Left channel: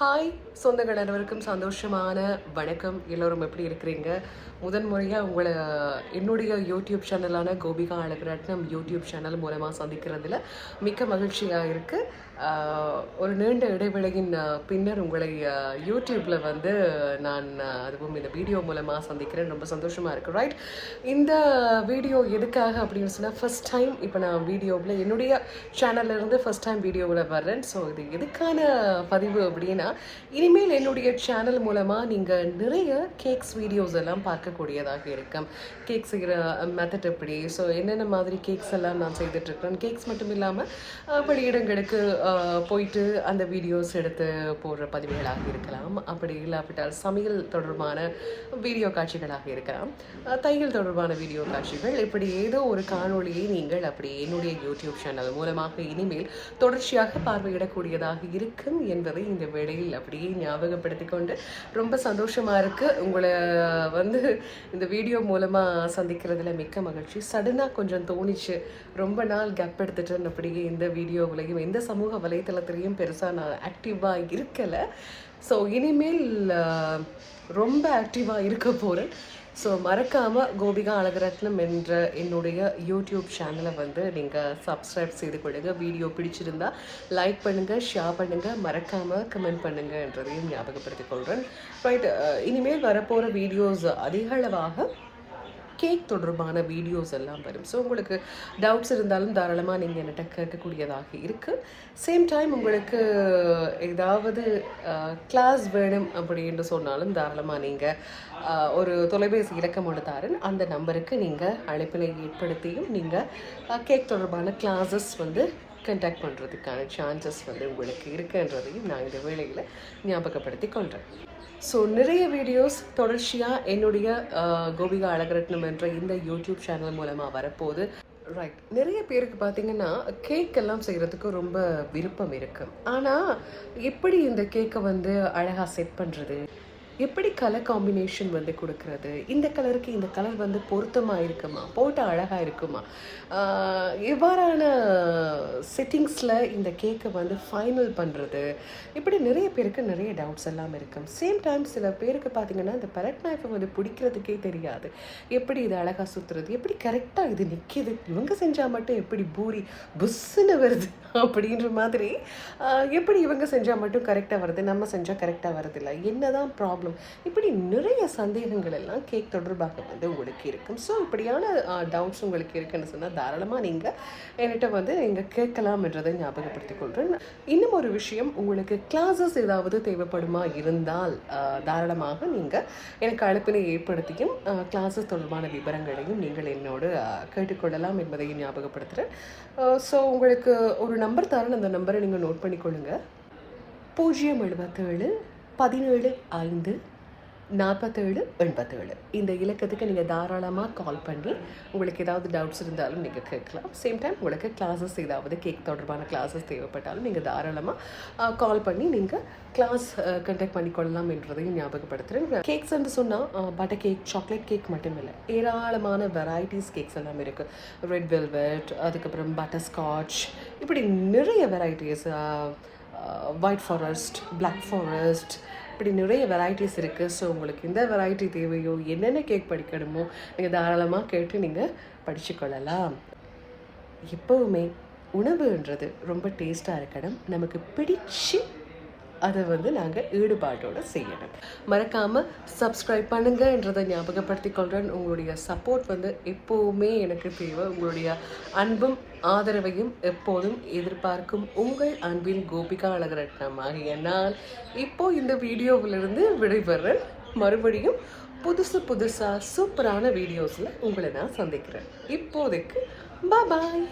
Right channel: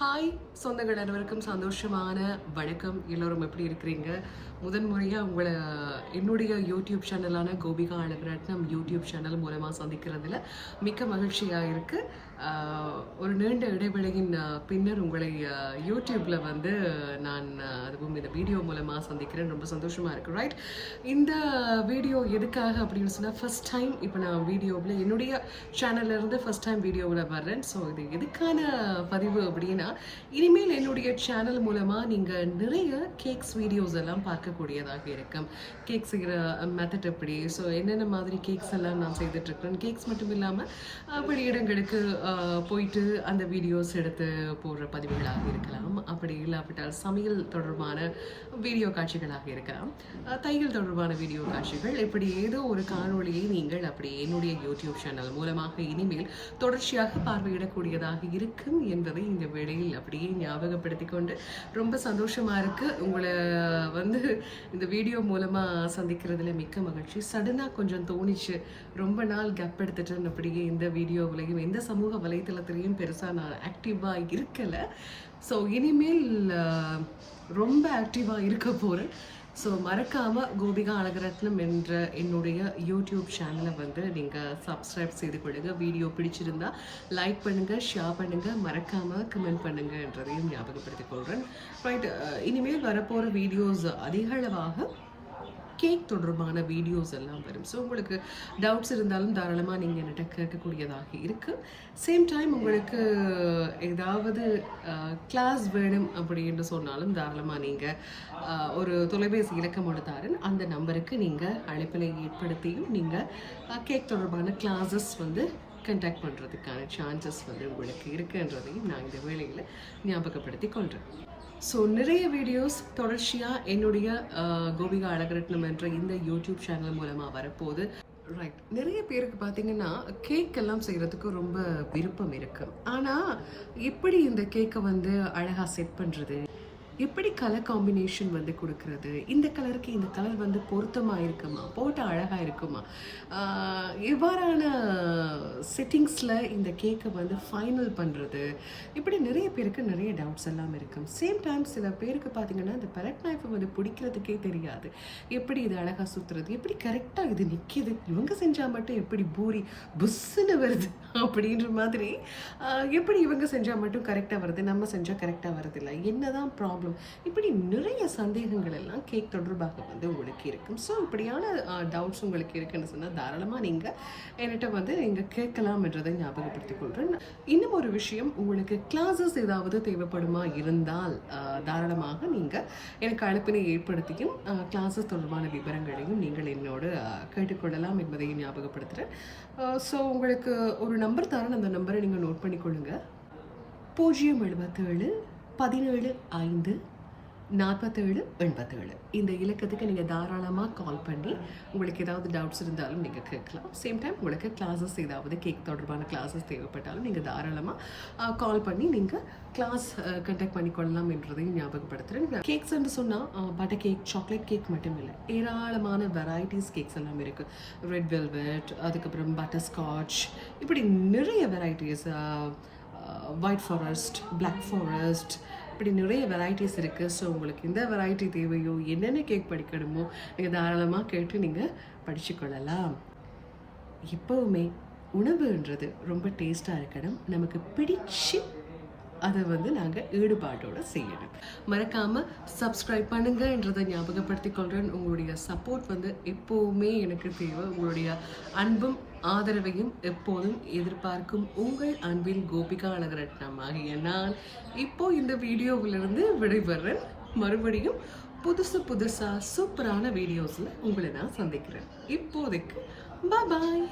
Hi சொந்தங்கள் அனைவருக்கும் சந்தோஷமான வணக்கம். எல்லோரும் எப்படி இருக்கிறீங்க? முதன்முறையாக உங்களை என்னுடைய யூடியூப் சேனலான கோபிகா அழகுரத்னம் யூடியூப் சேனல் மூலமாக சந்திக்கிறதுல மிக்க மகிழ்ச்சியாக இருக்குது. ஒரு நீண்ட இடைவெளியின் பின்னர் உங்களை யூடியூப்பில் வந்து நான் அதுவும் இந்த வீடியோ மூலமாக சந்திக்கிறேன். ரொம்ப சந்தோஷமாக இருக்குது. ரைட், இந்த வீடியோ எதுக்காக அப்படின்னு சொன்னால், ஃபஸ்ட் டைம் இப்போ நான் வீடியோவில் என்னுடைய சேனல்லேருந்து ஃபஸ்ட் டைம் வீடியோவில் வர்றேன். ஸோ இது எதுக்கான பதிவு அப்படின்னா, இனிமேல் என்னுடைய சேனல் மூலமாக நீங்கள் நிறைய கேக்ஸ் வீடியோஸ் எல்லாம் பார்க்கக்கூடியதாக இருக்கும். கேக் செய்கிற மெத்தட் எப்படி, ஸோ என்னென்ன மாதிரி கேக்ஸ் எல்லாம் நான் செய்துட்ருக்கிறேன். கேக்ஸ் மட்டும் இல்லாமல் படி இடங்களுக்கு போயிட்டு அந்த வீடியோஸ் எடுத்து போடுற பதிவுகளாக இருக்கலாம். அப்படி இல்லாவிட்டால் சமையல் தொடர்பான வீடியோ காட்சிகளாக இருக்கலாம், தையல் தொடர்பான வீடியோ காட்சிகள், இப்படி ஏதோ ஒரு காணொளியை நீங்கள் அப்படி என்னுடைய யூடியூப் சேனல் மூலமாக இனிமேல் தொடர்ச்சியாக பார்வையிடக்கூடியதாக இருக்கும் என்பதை இந்த வேளையில் அப்படியே ஞாபகப்படுத்தி கொண்டு ரொம்ப சந்தோஷமாக இருக்குது. உங்களை வந்து இந்த வீடியோ மூலமாக சந்திக்கிறதுல மிக்க மகிழ்ச்சி. சடனாக கொஞ்சம் தோணிச்சு, ரொம்ப நாள் கேப் எடுத்துட்டேன் அப்படியே இந்த வீடியோவிலையும் எந்த சமூக வலைத்தளத்திலையும் பெருசாக நான் ஆக்டிவாக இருக்கலை. ஸோ இனிமேல் ரொம்ப ஆக்டிவாக இருக்க போகிறேன். ஸோ மறக்காமல் கோபிகா அழகுரத்னம் என்ற என்னுடைய யூடியூப் சேனலை வந்து நீங்கள் சப்ஸ்கிரைப் செய்து கொள்ளுங்க. வீடியோ பிடிச்சிருந்தா லைக் பண்ணுங்கள், ஷேர் பண்ணுங்கள், மறக்காமல் கமெண்ட் பண்ணுங்கன்றதையும் ஞாபகப்படுத்திக் கொள்கிறேன். ரைட், இனிமேல் வரப்போகிற வீடியோஸ் அதிகளவாக கேக் தொடர்பான வீடியோஸ் எல்லாம் வரும். ஸோ உங்களுக்கு டவுட்ஸ் இருந்தாலும் தாராளமாக நீங்கள் என்கிட்ட கேட்கக்கூடியதாக இருக்குது. சேம் டைம் உங்களுக்கு ஏதாவது கிளாஸ் வேணும் அப்படின்னு சொன்னாலும் தாராளமாக நீங்கள் ஒரு தொலைபேசி இலக்கம் தாரேன், அந்த நம்பருக்கு நீங்கள் அழைப்பினை ஏற்படுத்தியும் நீங்கள் கேக் தொடர்பான கிளாஸஸ் வந்து கண்டாக்ட் பண்ணுறதுக்கான சான்சஸ் வந்து உங்களுக்கு இருக்குன்றதையும் நான் இந்த வேளையில் ஞாபகப்படுத்தி கொள்கிறேன். ஸோ நிறைய வீடியோஸ் தொடர்ச்சியாக என்னுடைய கோபிகா அழகுரத்னம் என்ற இந்த யூடியூப் சேனல் மூலமாக வரப்போகுது. ரைட், நிறைய பேருக்கு பார்த்தீங்கன்னா கேக் எல்லாம் செய்கிறதுக்கு ரொம்ப விருப்பம் இருக்குது. ஆனால் எப்படி இந்த கேக்கை வந்து அழகாக செட் பண்ணுறது, எப்படி கலர் காம்பினேஷன் வந்து கொடுக்கறது, இந்த கலருக்கு இந்த கலர் வந்து பொருத்தமாக இருக்குமா, போட்டால் அழகாக இருக்குமா, இவ்வாறான செட்டிங்ஸில் இந்த கேக்கை வந்து ஃபைனல் பண்ணுறது, இப்படி நிறைய பேருக்கு நிறைய டவுட்ஸ் எல்லாம் இருக்கும். சேம் டைம் சில பேருக்கு பார்த்திங்கன்னா இந்த பெலட் நைஃபை வந்து பிடிக்கிறதுக்கே தெரியாது. எப்படி இது அழகாக சுற்றுறது, எப்படி கரெக்டாக இது நிற்கிது, இவங்க செஞ்சால் மட்டும் எப்படி பூரி புஸ்ஸுன்னு வருது அப்படின்ற மாதிரி, எப்படி இவங்க செஞ்சால் மட்டும் கரெக்டாக வருது, நம்ம செஞ்சால் கரெக்டாக வருதில்லை, என்ன தான் ப்ராப்ளம், இப்படி நிறைய சந்தேகங்கள் எல்லாம் கேக் தொடர்பாக வந்து உங்களுக்கு இருக்கும். ஸோ இப்படியான டவுட்ஸ் உங்களுக்கு இருக்குன்னு சொன்னால் தாராளமாக நீங்கள் என்கிட்ட வந்து நீங்கள் கேட்கலாம் என்றதை ஞாபகப்படுத்திக் கொள்கிறேன். இன்னும் ஒரு விஷயம், உங்களுக்கு கிளாஸஸ் ஏதாவது தேவைப்படுமா இருந்தால் தாராளமாக நீங்கள் எனக்கு அழைப்பினை ஏற்படுத்தியும் கிளாஸஸ் தொடர்பான விவரங்களையும் நீங்கள் என்னோடு கேட்டுக்கொள்ளலாம் என்பதையும் ஞாபகப்படுத்துகிறேன். ஸோ உங்களுக்கு ஒரு நம்பர் தரேன், அந்த நம்பரை நீங்கள் நோட் பண்ணிக்கொள்ளுங்க. 077 17 5 47 87 இந்த இலக்கத்துக்கு நீங்கள் தாராளமாக கால் பண்ணி உங்களுக்கு ஏதாவது டவுட்ஸ் இருந்தாலும் நீங்கள் கேட்கலாம். சேம் டைம் உங்களுக்கு கிளாஸஸ் ஏதாவது கேக் தொடர்பான கிளாஸஸ் தேவைப்பட்டாலும் நீங்கள் தாராளமாக கால் பண்ணி நீங்கள் கிளாஸ் கண்டக்ட் பண்ணிக்கொள்ளலாம் என்றதையும் ஞாபகப்படுத்துகிறேன். கேக்ஸ் என்று சொன்னால் பட்டர் கேக், சாக்லேட் கேக் மட்டும் இல்லை, ஏராளமான வெரைட்டிஸ் கேக்ஸ் எல்லாம் இருக்குது. ரெட் வெல்வெட், அதுக்கப்புறம் பட்டர் ஸ்காட்ச், இப்படி நிறைய varieties, white forest, black forest, இப்படி நிறைய வெரைட்டிஸ் இருக்குது. ஸோ உங்களுக்கு எந்த வெரைட்டி தேவையோ, என்னென்ன கேக் படிக்கணுமோ நீங்கள் தாராளமாக கேட்டு நீங்கள் படிச்சுக்கொள்ளலாம். எப்போவுமே உணவுன்றது ரொம்ப டேஸ்ட்டாக இருக்கணும், நமக்கு பிடிச்சு அதை வந்து நாங்கள் ஈடுபாட்டோடு செய்யணும். மறக்காமல் சப்ஸ்கிரைப் பண்ணுங்கன்றதை ஞாபகப்படுத்தி கொள்கிறேன். உங்களுடைய சப்போர்ட் வந்து எப்போவுமே எனக்கு தேவை. உங்களுடைய அன்பும் ஆதரவையும் எப்போதும் எதிர்பார்க்கும் உங்கள் அன்பின் கோபிகா அழகுரத்னம் ஆகிய நான் இப்போது இந்த வீடியோவிலிருந்து விடைபெறேன். மறுபடியும் புதுசாக சூப்பரான வீடியோஸில் உங்களை நான் சந்திக்கிறேன். இப்போதைக்கு பாய்.